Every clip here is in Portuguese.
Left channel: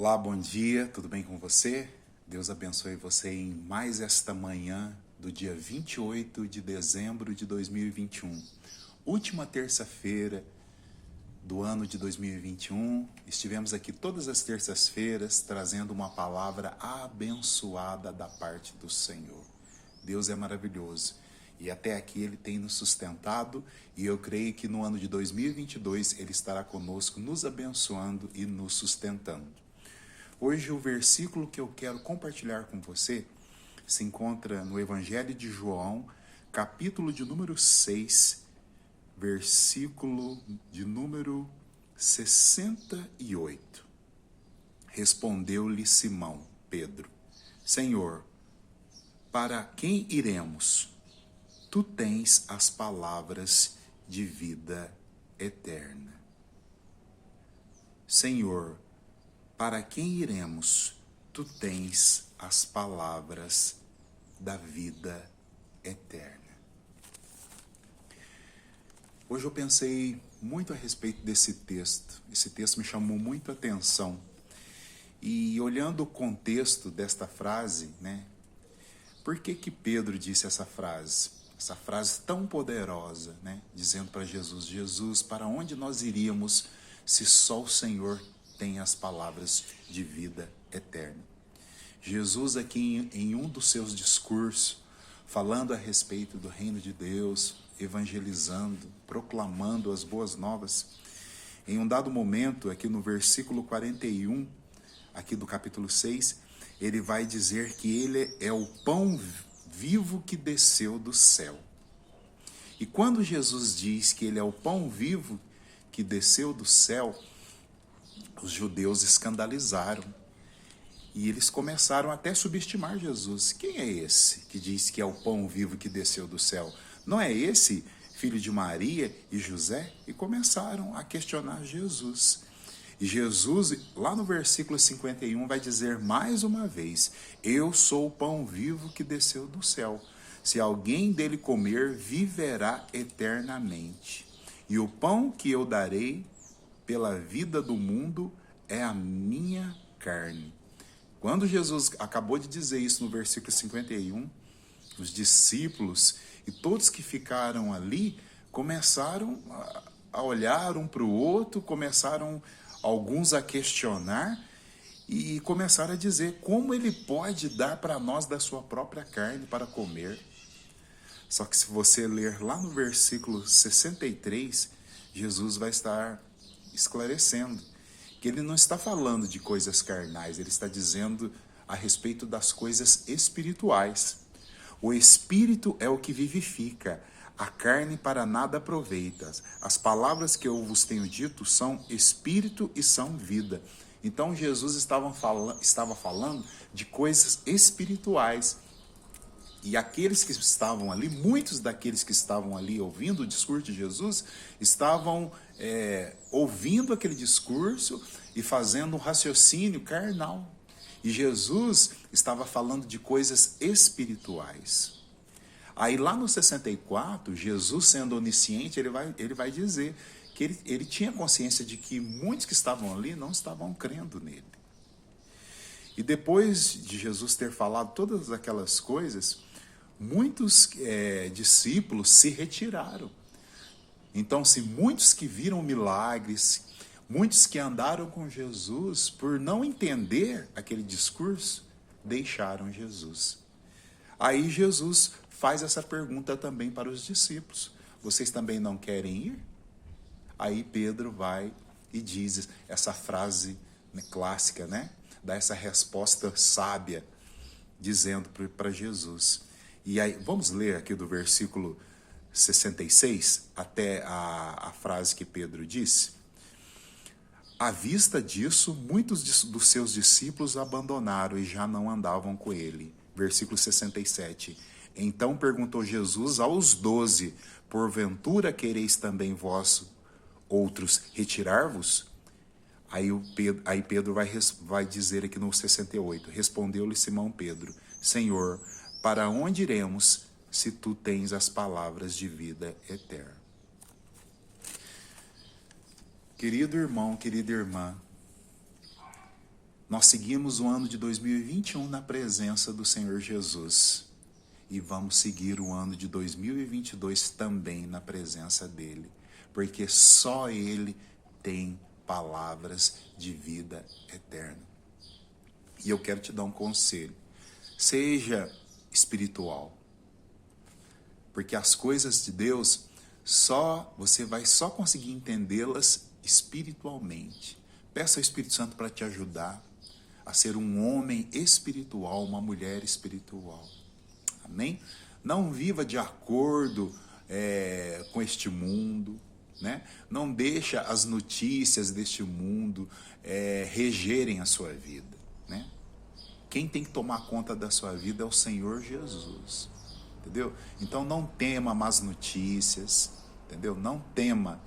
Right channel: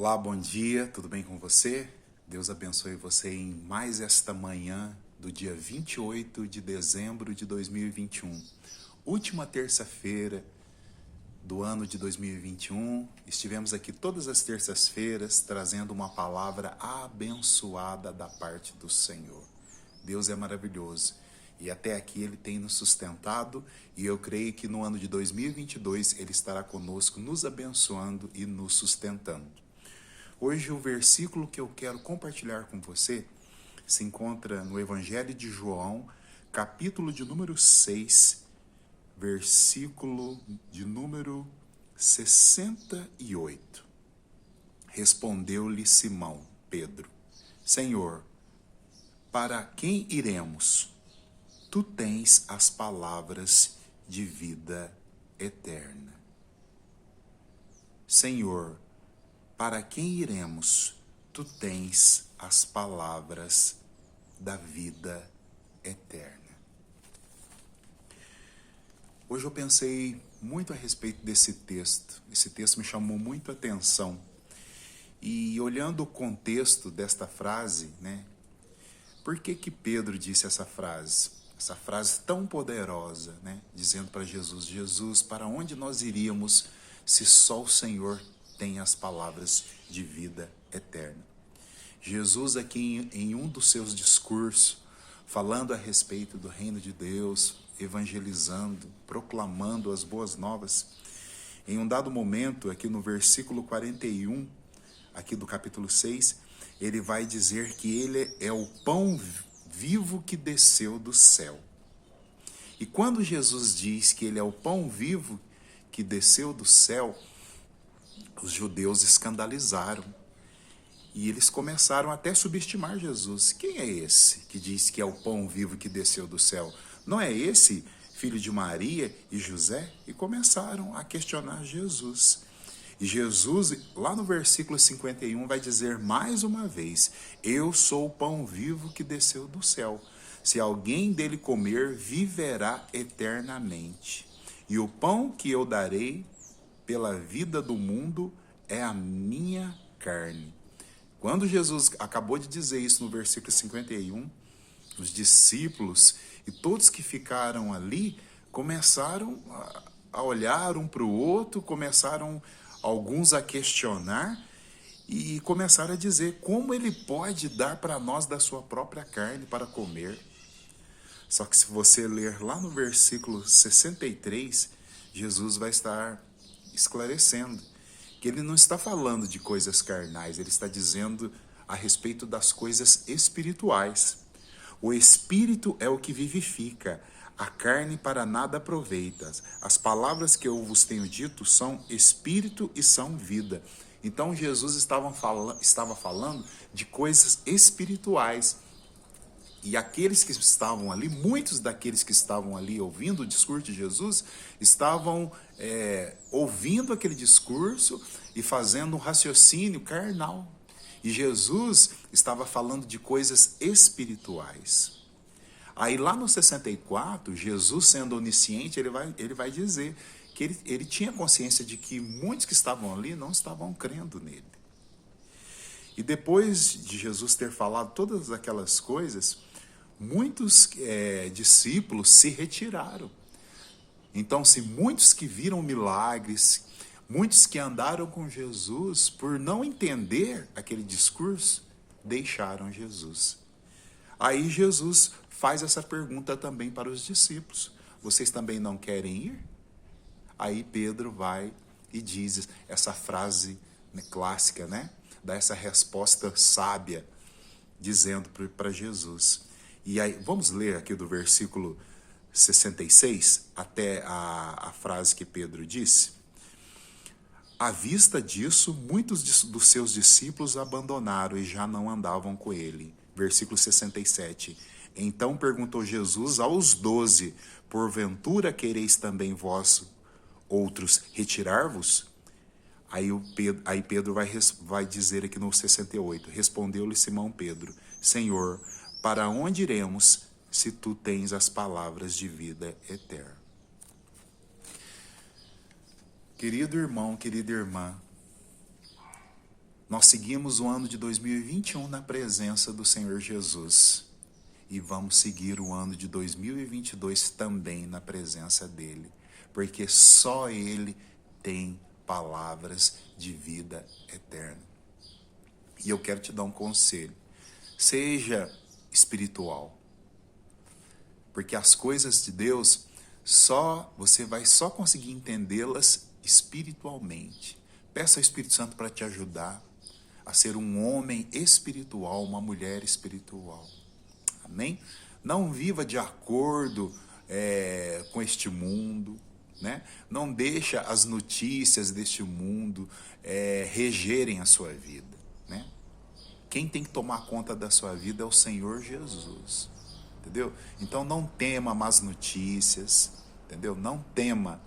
Olá, bom dia, tudo bem com você? Deus abençoe você em mais esta manhã do dia 28 de dezembro de 2021. Última terça-feira do ano de 2021. Estivemos aqui todas as terças-feiras trazendo uma palavra abençoada da parte do Senhor. Deus é maravilhoso e até aqui Ele tem nos sustentado e eu creio que no ano de 2022 Ele estará conosco, nos abençoando e nos sustentando. Hoje o versículo que eu quero compartilhar com você se encontra no Evangelho de João, capítulo de número 6, versículo de número 68. Respondeu-lhe Simão, Pedro: Senhor, para quem iremos? Tu tens as palavras de vida eterna. Senhor, para quem iremos? Tu tens as palavras da vida eterna. Hoje eu pensei muito a respeito desse texto. Esse texto me chamou muito a atenção. E olhando o contexto desta frase, por que Pedro disse essa frase? Essa frase tão poderosa, dizendo para Jesus: Jesus, para onde nós iríamos se só o Senhor tem as palavras de vida eterna? Jesus aqui em um dos seus discursos, falando a respeito do reino de Deus, evangelizando, proclamando as boas novas, em um dado momento, aqui no versículo 41, aqui do capítulo 6, ele vai dizer que ele é o pão vivo que desceu do céu. E quando Jesus diz que ele é o pão vivo que desceu do céu, os judeus escandalizaram e eles começaram até a subestimar Jesus. Quem é esse que diz que é o pão vivo que desceu do céu? Não é esse filho de Maria e José? E começaram a questionar Jesus. E Jesus, lá no versículo 51, vai dizer mais uma vez: eu sou o pão vivo que desceu do céu. Se alguém dele comer, viverá eternamente. E o pão que eu darei pela vida do mundo é a minha carne. Quando Jesus acabou de dizer isso no versículo 51, os discípulos e todos que ficaram ali começaram a olhar um para o outro, começaram alguns a questionar e começaram a dizer: como ele pode dar para nós da sua própria carne para comer? Só que se você ler lá no versículo 63, Jesus vai estar esclarecendo que ele não está falando de coisas carnais, ele está dizendo a respeito das coisas espirituais. O espírito é o que vivifica, a carne para nada aproveita. As palavras que eu vos tenho dito são espírito e são vida. Então Jesus estava falando de coisas espirituais. E aqueles que estavam ali, muitos daqueles que estavam ali ouvindo o discurso de Jesus, estavam ouvindo aquele discurso e fazendo um raciocínio carnal. E Jesus estava falando de coisas espirituais. Aí lá no 64, Jesus, sendo onisciente, ele vai dizer que ele tinha consciência de que muitos que estavam ali não estavam crendo nele. E depois de Jesus ter falado todas aquelas coisas, muitos discípulos se retiraram. Então, se muitos que viram milagres, muitos que andaram com Jesus, por não entender aquele discurso, deixaram Jesus. Aí Jesus faz essa pergunta também para os discípulos: vocês também não querem ir? Aí Pedro vai e diz essa frase clássica, dá essa resposta sábia, dizendo para Jesus. E aí, vamos ler aqui do versículo 66 até a frase que Pedro disse. À vista disso, muitos dos seus discípulos abandonaram e já não andavam com ele. Versículo 67. Então perguntou Jesus aos 12, porventura quereis também vós outros retirar-vos? Aí Pedro vai dizer aqui no 68, respondeu-lhe Simão Pedro: Senhor, para onde iremos se tu tens as palavras de vida eterna? Querido irmão, querida irmã, Nós seguimos o ano de 2021 na presença do Senhor Jesus. E vamos seguir o ano de 2022 também na presença dele. Porque só ele tem palavras de vida eterna. E eu quero te dar um conselho. Seja espiritual. Porque as coisas de Deus, você vai só conseguir entendê-las espiritualmente. Peça ao Espírito Santo para te ajudar a ser um homem espiritual, uma mulher espiritual. Amém? Não viva de acordo com este mundo, né? Não deixa as notícias deste mundo regerem a sua vida, né? Quem tem que tomar conta da sua vida é o Senhor Jesus, entendeu? Então não tema más notícias, entendeu? Não tema,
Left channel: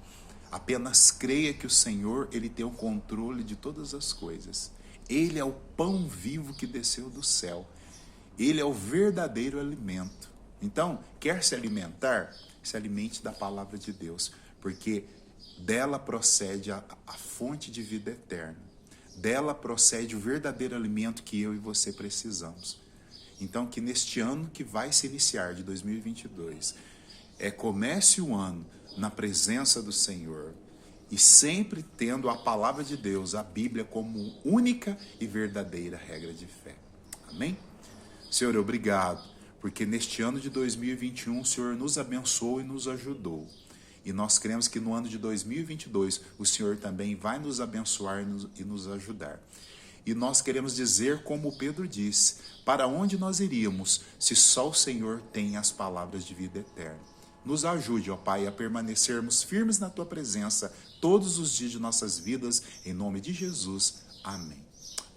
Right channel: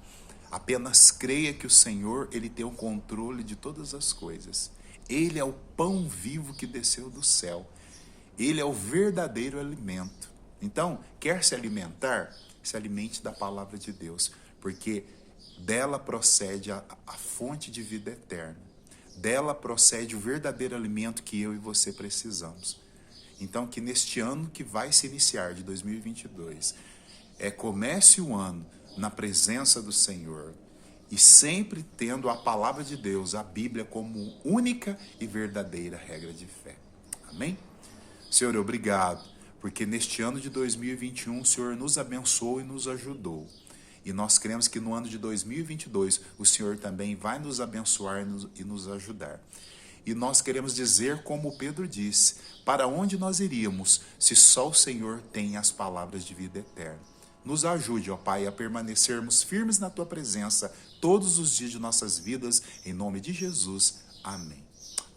apenas creia que o Senhor, ele tem o controle de todas as coisas. Ele é o pão vivo que desceu do céu. Ele é o verdadeiro alimento. Então, quer se alimentar? Se alimente da palavra de Deus, porque dela procede a fonte de vida eterna. Dela procede o verdadeiro alimento que eu e você precisamos. Então, que neste ano que vai se iniciar, de 2022, comece o ano na presença do Senhor, e sempre tendo a palavra de Deus, a Bíblia, como única e verdadeira regra de fé. Amém? Senhor, obrigado, porque neste ano de 2021 o Senhor nos abençoou e nos ajudou. E nós cremos que no ano de 2022 o Senhor também vai nos abençoar e nos ajudar. E nós queremos dizer, como Pedro disse, para onde nós iríamos se só o Senhor tem as palavras de vida eterna? Nos ajude, ó Pai, a permanecermos firmes na Tua presença todos os dias de nossas vidas, em nome de Jesus. Amém.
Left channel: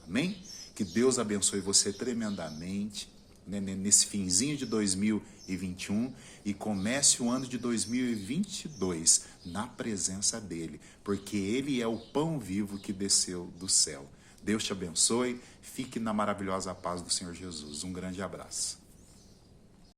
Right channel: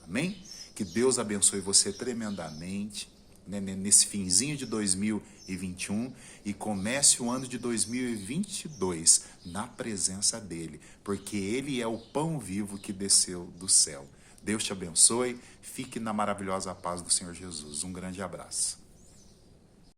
Amém? Que Deus abençoe você tremendamente, né, nesse finzinho de 2021 e comece o ano de 2022 na presença dEle, porque Ele é o pão vivo que desceu do céu. Deus te abençoe, fique na maravilhosa paz do Senhor Jesus. Um grande abraço.